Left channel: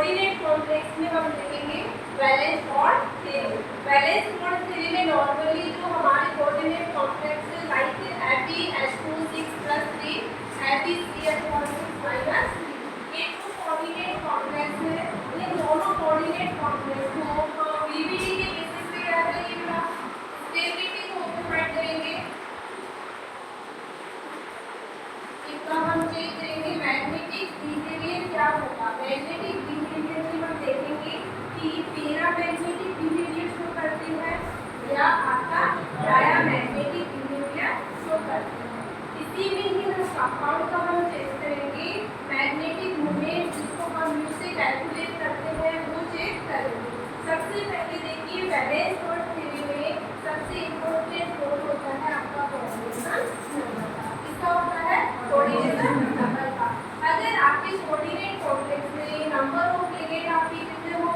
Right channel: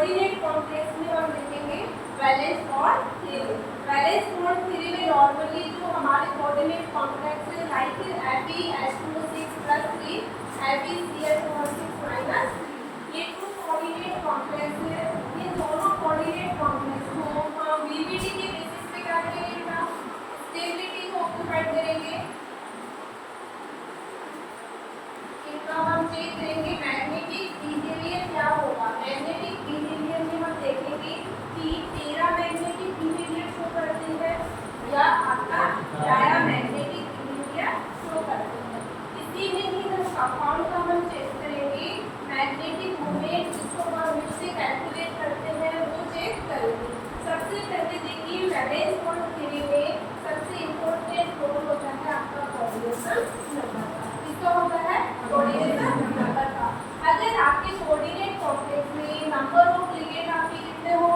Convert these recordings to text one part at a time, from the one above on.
Coordinate complex में हम लिखेंगे valence bond theory. Valence bond theory में नॉर्मली जो हमारे कोऑर्डिनेट कॉम्प्लेक्स है लाइक Fe2O6+3 FeCl6 ये जो कोऑर्डिनेट कॉम्प्लेक्स है, ये दोनों कोऑर्डिनेट कॉम्प्लेक्स को बीबीडी के बेसिस पे क्या करेंगे, स्टेबिलिटी को ऑक्यूपाइड करेंगे। इतना हम चेक करेंगे मैग्नेटिक बिहेवियर क्या होगा। मैग्नेटिक बिहेवियर में हम देखेंगे कि पैरामैग्नेटिक बिहेवियर शो करते हैं या आपका डायमैग्नेटिक बिहेवियर शो करते हैं। इसी में ही हम कंपाउंड का हम चेक करेंगे, मैग्नेटिक मोमेंट जिसको हम उससे कैलकुलेट करते हैं वो चेक करेंगे। सबसे पहले देखिए वैलेंस बॉन्ड थ्योरी में सबसे इम्पोर्टेंट रोल होता है आपका कोऑर्डिनेशन नंबर का। किसका होता है? कोऑर्डिनेशन नंबर का। अगर आपके कोऑर्डिनेट कॉम्प्लेक्स में नंबर ऑफ लिगेंड आपके कितने हो,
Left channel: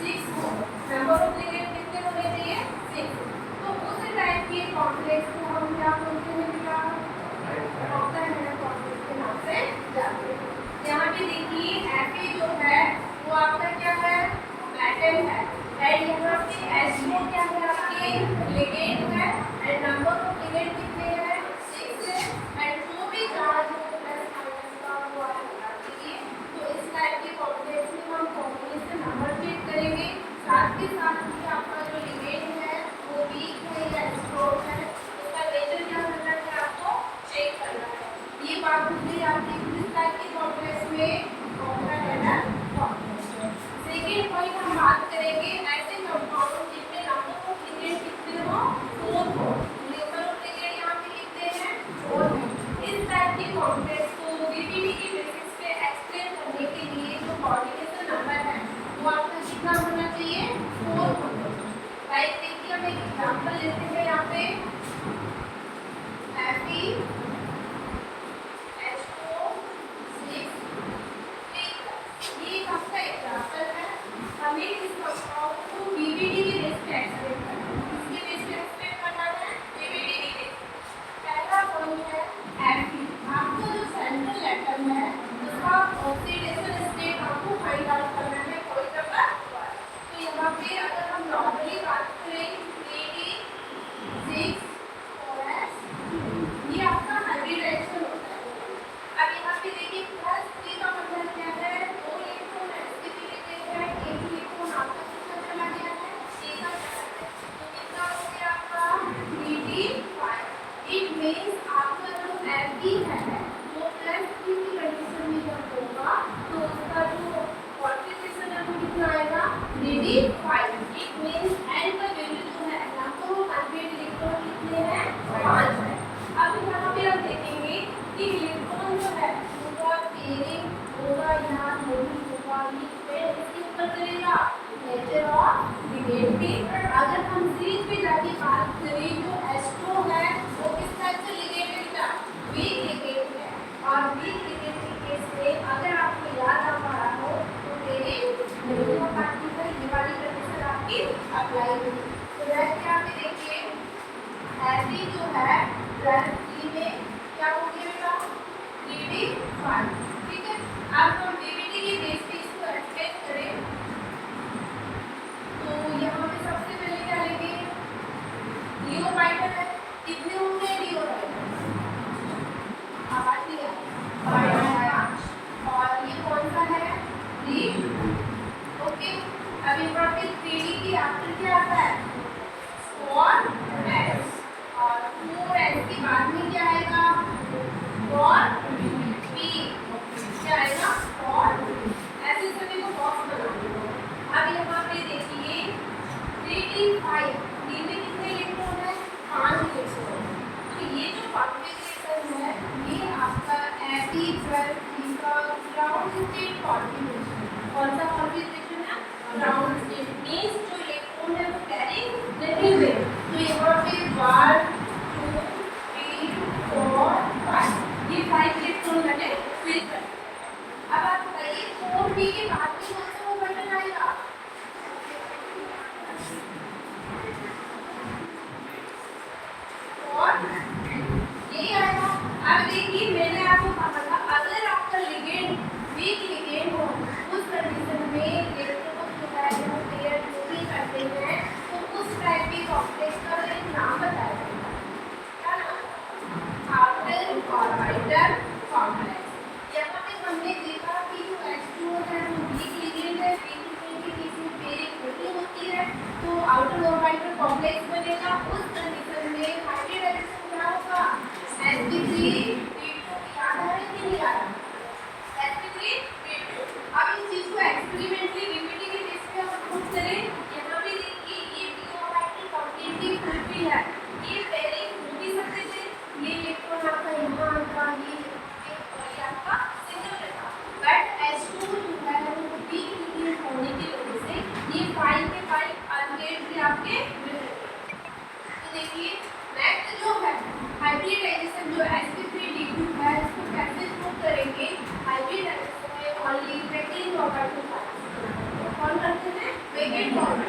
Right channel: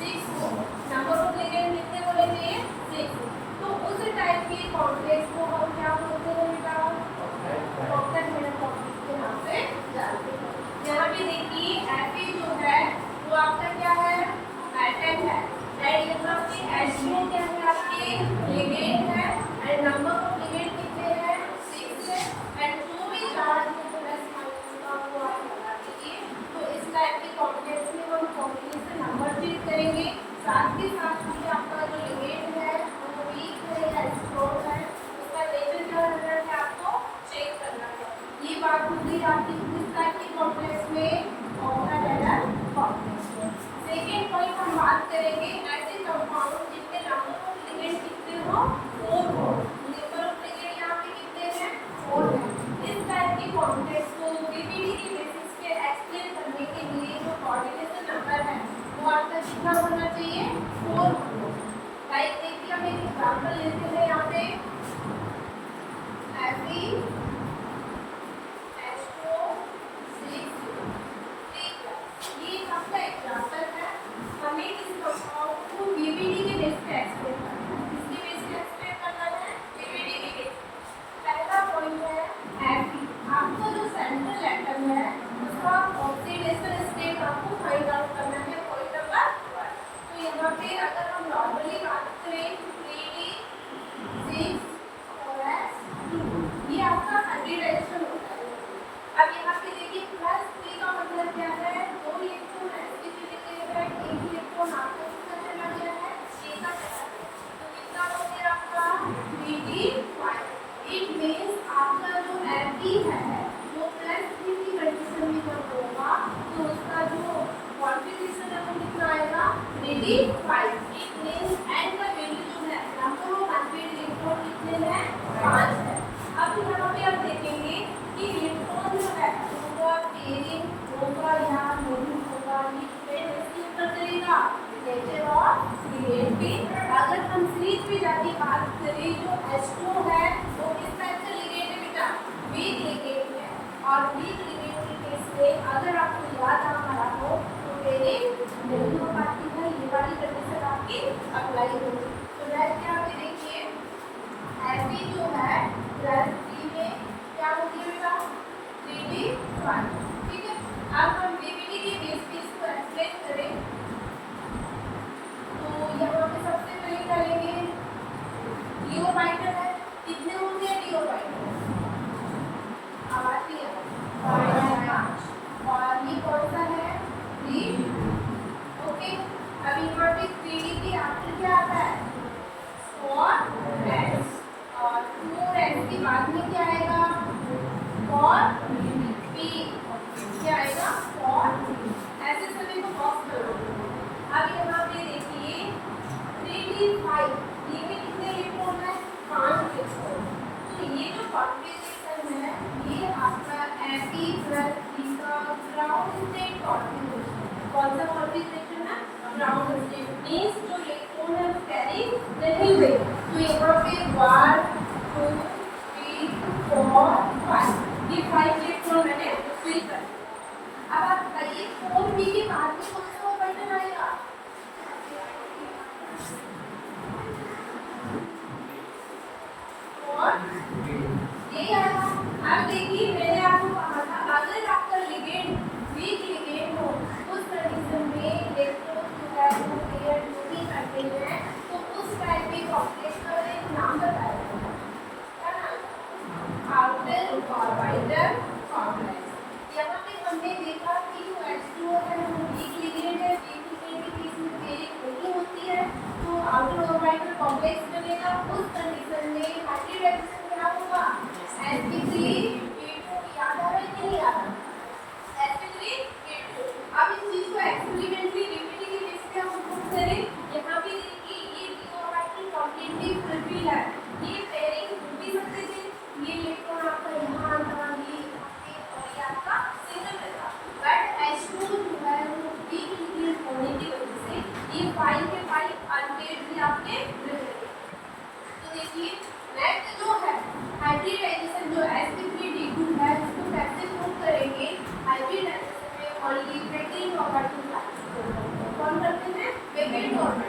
6 हो। नंबर ऑफ लिगेंड कितने होने चाहिए? 6। तो उस टाइप के कॉम्प्लेक्स को हम क्या बोलते हैं बेटा? ऑक्टाहेड्रल कॉम्प्लेक्स के नाम से जानते हैं। यहाँ पे देखिए Fe जो है वो आपका क्या है? एटम है। एंड यहाँ पे HO क्या है? आपके लिगेंड है। एंड नंबर ऑफ लिगेंड कितने हैं? 6 है। एंड जो भी चार्ज प्लस माइनस का वो होगा, ठीक है। तो इस टाइप के कॉम्प्लेक्स में हम कॉम्बिनेशन नंबर चेक करेंगे। साथ के साथ ही आपका जो लिगेंड है वो वीक है या स्ट्रॉन्ग है, उसका नेचर क्या करना है आपको चेक करना है। ये बात होती है आपकी किस टाइप के कॉम्प्लेक्स में? Octahedral complex. सेकेंड पॉइंट हम बात करेंगे ऐसे कंपाउंड जिनके नंबर ऑफ लिगेंड कितने हो, 4 हो। नंबर ऑफ लिगेंड यहाँ पे कितने हैं? 4 है। इस टाइप के कॉम्प्लेक्स को बीबीडी के बेसिस पे एक्सप्लेन करने के लिए जो कोऑर्डिनेशन नंबर है वो आपका कितना होना चाहिए? 4 होना। लाइक देखिए हम एक एग्जांपल लेते हैं यहाँ पे ये आपका एग्जांपल है। हमें इस कंपाउंड को बीबीडी के बेस पे एक्सप्लेन करना है। किसके बेस पे एक्सप्लेन करना है? बीबीडी के बेस। पहला पॉइंट है Fe। आपका जो सेंट्रल एटम है उसका ऑक्सीडेशन स्टेट आपको फाइंड आउट करना है पॉइंट नंबर 1। तो यहाँ पे अगर हम नॉर्मली बात करें 3D6 और S, ये आपका हाइब्रिडाइजेशन होता है। अब यहाँ पे देखिए +3 का मतलब क्या है? 2 इलेक्ट्रॉन ऐसे भी लेते हैं, 1 इलेक्ट्रॉन आपको कितना चला गया है? सीधा चला गया। तो कितना हो गया आपका? 3D5। इट मींस आपका जो Fe है वो +3 की कंडीशन में जब होगा तो उसका जो कॉन्फ़िगरेशन है वो कितना आएगा? 3D5। इट मींस N का वैल्यू जो है नंबर ऑफ अनपेयर्ड इलेक्ट्रॉन कितने हैं? 5 है। अब यहाँ पे आप देखेंगे कि इलेक्ट्रॉन जो है उनका पेयरिंग होगा या नहीं होगा, ये डिपेंड करेगा नेचर ऑफ लिगेंड पे। अगर हम सीरीज पे जाके बात करें जो H2 है वो किस टाइप से लिगेंड है बेटा? वीक लिगेंड है। और वीक लिगेंड के केस में अगर आपको याद आ पा रहा हो तो मेरे दोनों पार्टी में ये वाली कंडीशन आपकी अप्लाई होगी। तो वैसे यहाँ पे देखिए Fe जो है +3 में क्या होगी बेटा? 3D5। ठीक है। अब हम बीबीडी के बेस पे इसको एक्सप्लेन करें तो यहाँ पे सबसे पहले क्या लेंगे? डी ऑर्बिटल है। कितने होंगे डी ऑर्बिटल? 8 ही है। और ये कौन सा है? 3। ओके। अब यहाँ पे 3D के आफ्टर क्या आता है? 4s। और 4s के बाद में क्या आएगा? और P क्या आएगा? और ऐसे सभी को बॉक्स बना दो। अब यहाँ पे देखिए 3D5 डी में कितने इलेक्ट्रॉन है? 5 इलेक्ट्रॉन। तो ये जो कॉन्फ़िगरेशन है ये आपका Fe + E का ग्राउंड स्टेट कॉन्फ़िगरेशन। कौन सा कॉन्फ़िगरेशन है? Ground state. मींस जो इलेक्ट्रॉन है वो कैरी नहीं हुए। तो यहाँ पे 1 2 3 4 5 ये 5 इलेक्ट्रॉन मैंने फिल कर। अब आप बताइए 4p के बाद में कौन सा बटन आएगा? और ये आएगा। अब देखिए मैंने आपको कहा था अगर आपका लिगेंड वीक लिगेंड हो उस कंडीशन में कौन करते हैं? Vacate bond.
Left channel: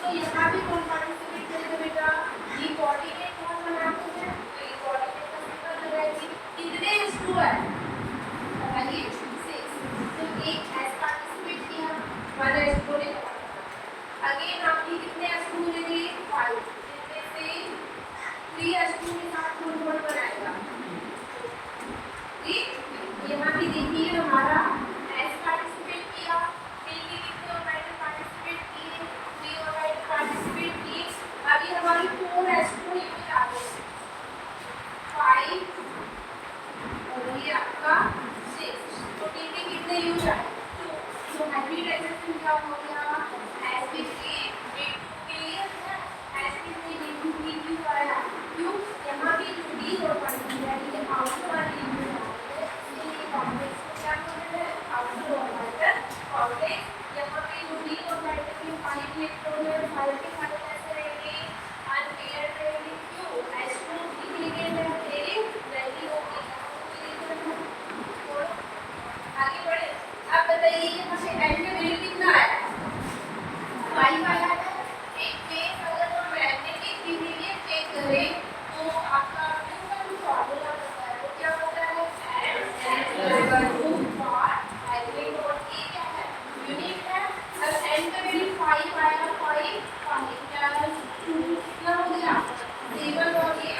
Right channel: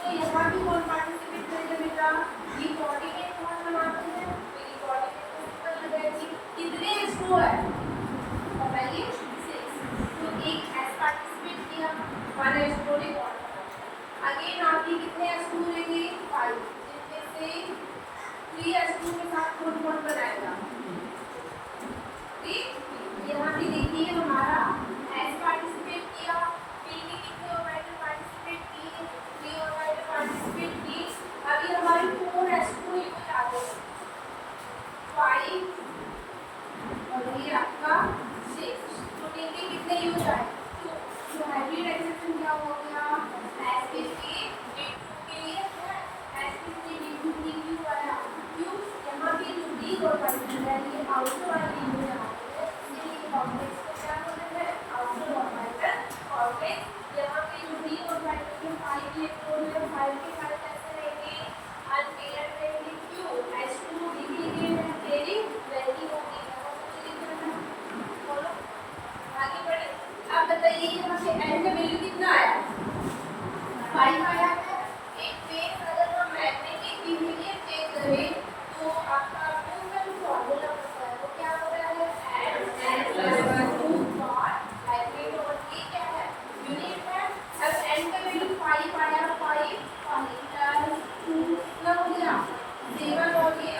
तो यहाँ भी कौन पार्टिसिपेट करेगा बेटा? ये कोऑर्डिनेट कौन बनाते हैं? तो ये कोऑर्डिनेट का सिंबल लगाएंगे। कितने स्टू है? बताइए 6। तो एक एस पार्टिसिपेट किया, माना स्टू ने कौन। अगेन आपकी कितने स्टू मिलेंगे? 5, जिसमें से 3 स्टू के साथ फुल होल बनाएगा। ठीक, यहाँ भी देखिए हमारा एस पार्टिसिपेट किया, पी के कितने ऑर्बिटल पार्टिसिपेट किए? 3 ऑर्बिटल पार्टिसिपेट किए। अभी हमारी 4 s2 यूनिट आ गई, 5 और ये आपका 6। तो कितने यूनिट आए? 2। तो हाइब्रिड रिएक्शन क्या हो गया? sp3 b2 sp3 b2 q वाला क्यों? यहाँ पे जो d ऑर्बिटल है ये आउटर वाली यूनिट है, इसलिए कॉम्प्लेक्स को क्या कहते हैं? Outer orbital complex. यहाँ पे जो d ऑर्बिटल में 5 इलेक्ट्रॉन है, 5 के 5 कैसे रहेंगे? अनपेयर्ड रहेंगे। क्यों? s2 भी लिगेंड है, पेयरिंग नहीं होगी, बोलो आगे बढ़े। अब बताइए यहाँ पे n का वैल्यू कितना आया? 5 आया है। एक केस अगर हम मैग्नेटिक बिहेवियर चेक करें तो आपका न्यूटन फॉर्मूला है, तो क्या होता है? n + मैग्नेट और ये क्या है? यूनिट है। अब n का वैल्यू 5 आया, 5 2 क्या हो गया? 7 और ये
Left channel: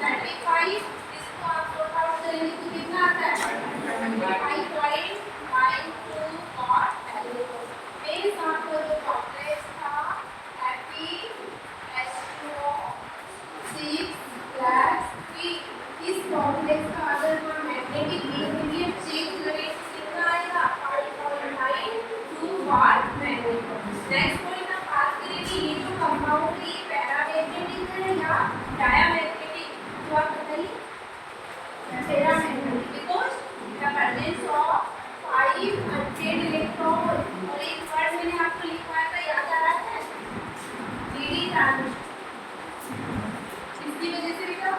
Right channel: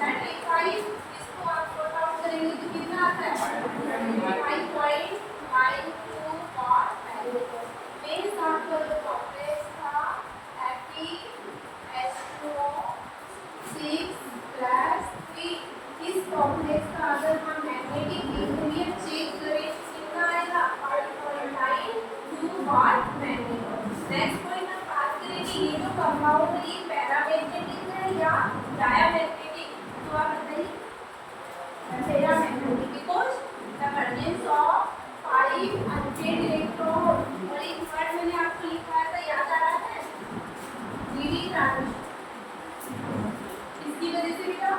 35। इसको आप सॉर्ट आउट करेंगे तो कितना आता है? 5.92 और मेरे साथ का जो कॉम्प्लेक्स था Fe2O6 + 3, इस कॉम्प्लेक्स का अगर हम मैग्नेटिक बिहेवियर चेक करें तो कितना आएगा? 5.92 वाट मैग्नेट। नेक्स्ट पॉइंट हम बात करेंगे ये जो कंपाउंड है ये पैरामैग्नेटिक है या डायमैग्नेटिक? तो आप बताइए। Paramagnetic because the presence of 5 unpaired electron और एक वर्ड मैंने आपको लिखा था, याद आ रहा है? D transition. इसकी वजह से बेटा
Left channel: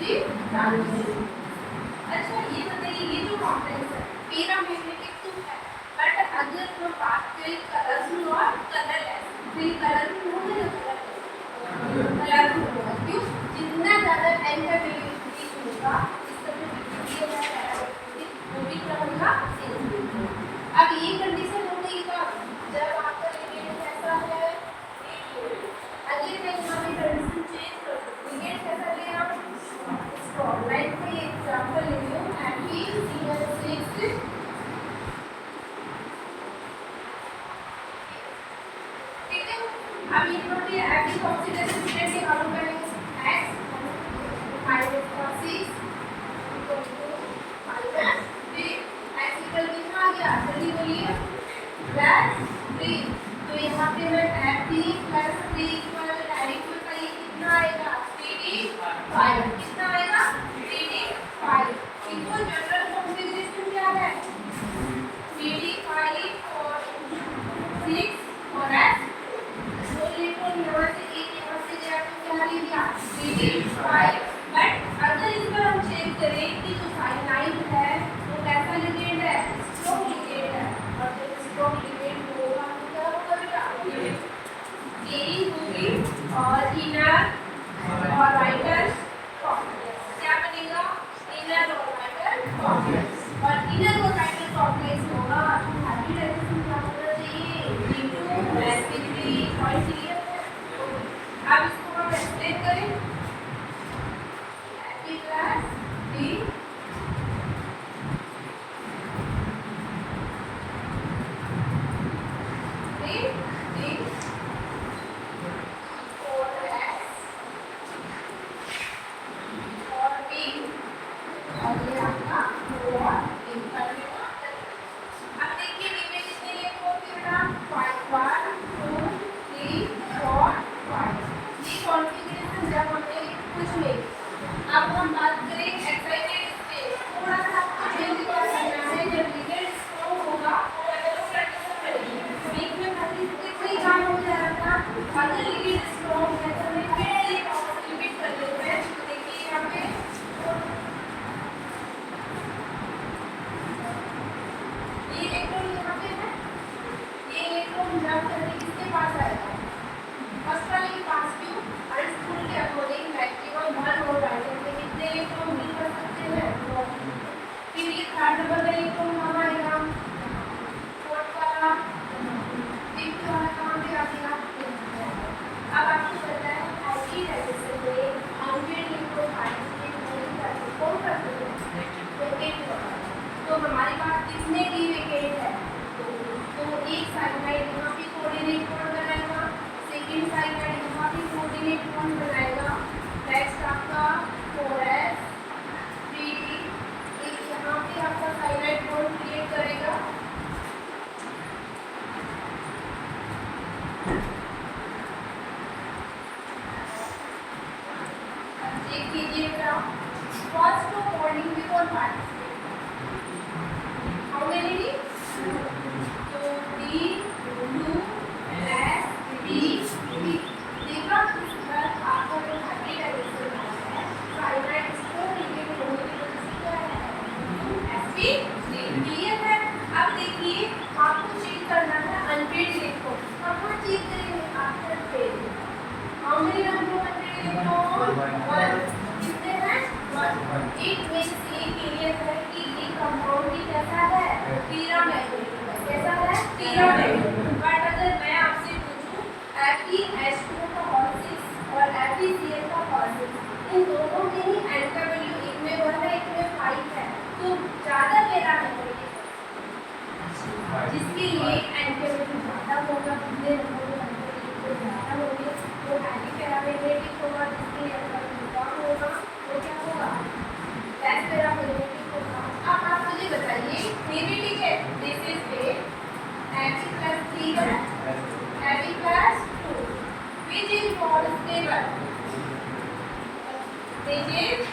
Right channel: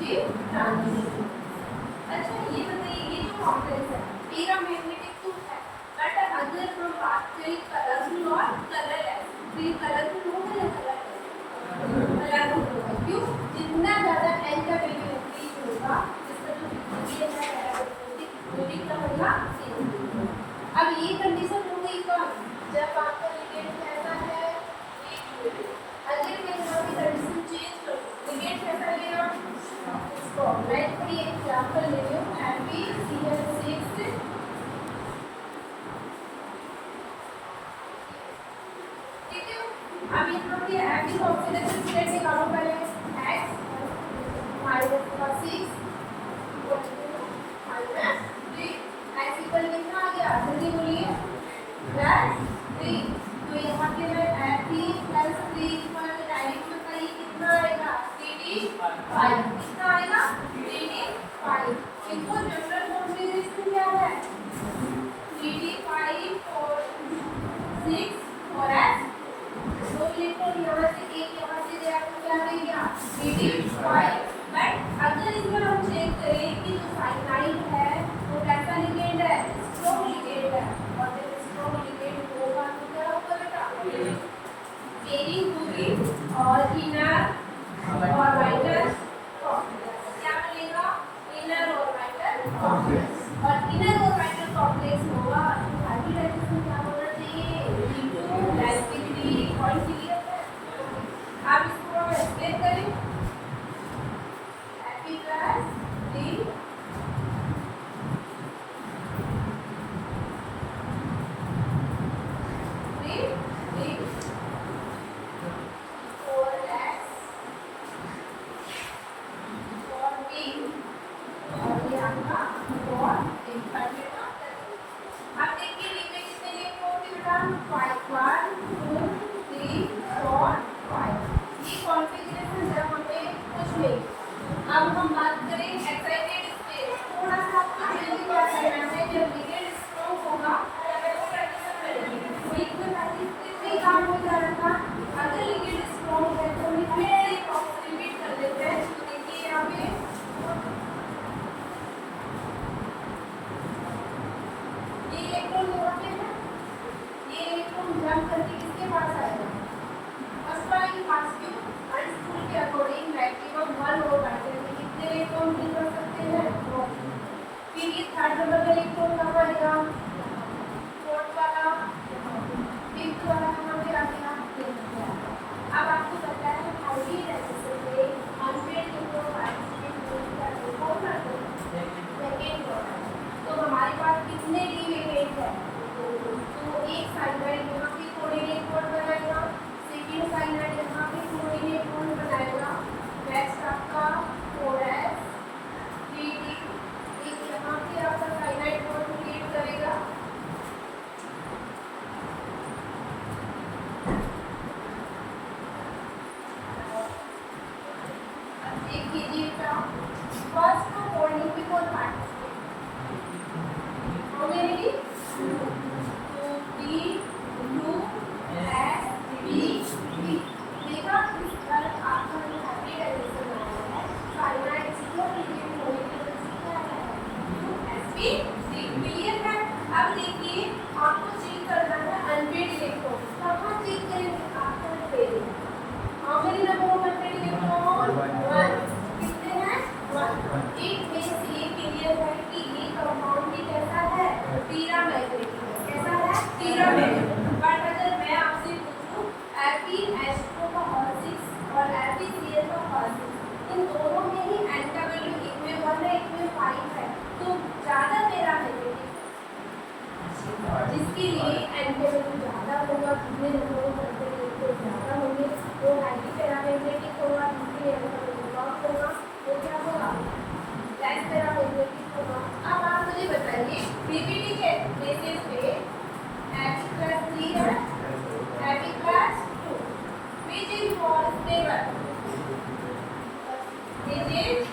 डी ट्रांजिशन। अच्छा ये बताइए ये जो कॉम्प्लेक्स है पैरामैग्नेटिक तो है, बट अगर हम बात करें कलरफुल और कलरलेस तो ये कलरफुल होगा या कलरफुल होगा? क्यों? जितना ज़्यादा n का वैल्यू इंक्रीज होगा इसका जो बिहेवियर है पैरामैग्नेटिक वो भी क्या होगा? अब ये कंडीशन हो गई कब? जब आपका लिगेंड कैसा है? अगले मैं यहाँ पे कंडीशन चेंज कर दूँ। लिगेंड कैसा लेगा? स्ट्रॉन्ग। मैं कोई एग्जांपल लेती हूँ FeCl6। ठीक है, अब यहाँ पे Fe ऑक्सीडेशन स्टेट के काउंट करेंगे। x -6 x इक्वल कितना आ गया? जल्दी बोलिए। +3। तो यहाँ पे है Fe + 3 पर डायरेक्ट बताइए कितना आएगा? 3d5। कितना आएगा? 3d5। इनको जनरल कॉन्फ़िगरेशन क्या है? 3d5 और 6 और s। दो इलेक्ट्रॉन यहाँ से एक यहाँ से गया तो क्या रह गया? 3d5। बट अगर इस पर हम चेक करें कि जो साइनाइड है वो कैसा लिगेंड है? स्ट्रॉन्ग लिगेंड है। और जब स्ट्रॉन्ग लिगेंड होगा तो क्या होगा बेटा? एरिंग होगी और इनर ऑर्बिटल कॉम्प्लेक्स क्या बनेगा? Inner orbital complex. और इनर ऑर्बिटल कॉम्प्लेक्स होगा तो हाइब्रिड रिएक्शन क्या होना चाहिए? G2 sp3 पॉइंट क्लियर है। अब इसको हम एक्सप्लेन करें। Fe + D अब हम बात करें एक्साइटेड स्टेट। थोड़ा सा आपको चेंज क्या करना है? जब लिगेंड स्ट्रांग होगा बीच में पार्टिसिपेट काम हो जा रहा था। अगर लिगेंड स्ट्रांग है तो हमें फिर से रिपीट कर लेते हैं। तो देखिए यहाँ पे ये इलेक्ट्रॉन यहाँ इलेक्ट्रॉन जंप करके किसके पास आएगा, फर्स्ट वाले के पास। क्यों, आइंस्टीन के अकॉर्डिंग मैक्सिमम 1 ऑर्बिटल में कितने इलेक्ट्रॉन डील कर सकते हैं। फिर ये थर्ड नंबर का इलेक्ट्रॉन कहाँ आएगा, फोर्थ वाला, फिफ्थ वाला कहाँ पे आएगा। अब आपको पता है आईडी रजिस्टर पे अनपेड इलेक्ट्रॉन पार्टिसिपेट करते कौन करते हैं, वेकेंट वाला। तो हमारे पास कितने डी वेकेंट है, तो एक साइनाइड यहाँ पे कोऑर्डिनेट कोड बनाएगा, सेकंड साइनाइड यहाँ पे कोऑर्डिनेट कोड बनाएगा। नेक्स्ट आपका 4s 3d एक यहाँ पे आपका साइनाइड कोड क्रिएट करेगा। एक कीजिएगा फर्स्ट बॉन्डिंग पे कौन पार्टिसिपेट, हाउ मेनी डी, तो डी 2s b b। देखा इसका आपका जो हाइब्रिड एडिशन वाला है साइनाइड इसको रिपीट होने की वजह क्या है 2sp3 क्लियर है। अब देखिए आपको चेक करना है अनपेड इलेक्ट्रॉन, कहाँ चेक करेंगे, after paid. How many number of unpaired electron, 1। कितने हैं, 1। इट मींस ये क्लियर है कि ये कंपाउंड भी कैसा है, पैरामैग्नेटिक है। कैसा है, पैरामैग्नेटिक। बट अगर मैं आपसे पूछूं FeH2 का ऑक्सीजन और FeCl का ऑक्सीजन, इन दोनों में ही N का वैल्यू एक में 1 है, एक में 5 है, तो ज़्यादा पैरामैग्नेटिक जिसके लिए N के वैल्यू ज़्यादा होगा, कितने नंबर तो ज़्यादा होंगे, तो एंटी पैरामैग्नेटिक होगा, जिसके N का वैल्यू कम होगा, वो क्या होगा, लेस पैरामैग्नेटिक होगा। अब आप मुझे बताइए पीवीटी के बेसिस पे Fe+3 है, Fe+2, which is more stable, which is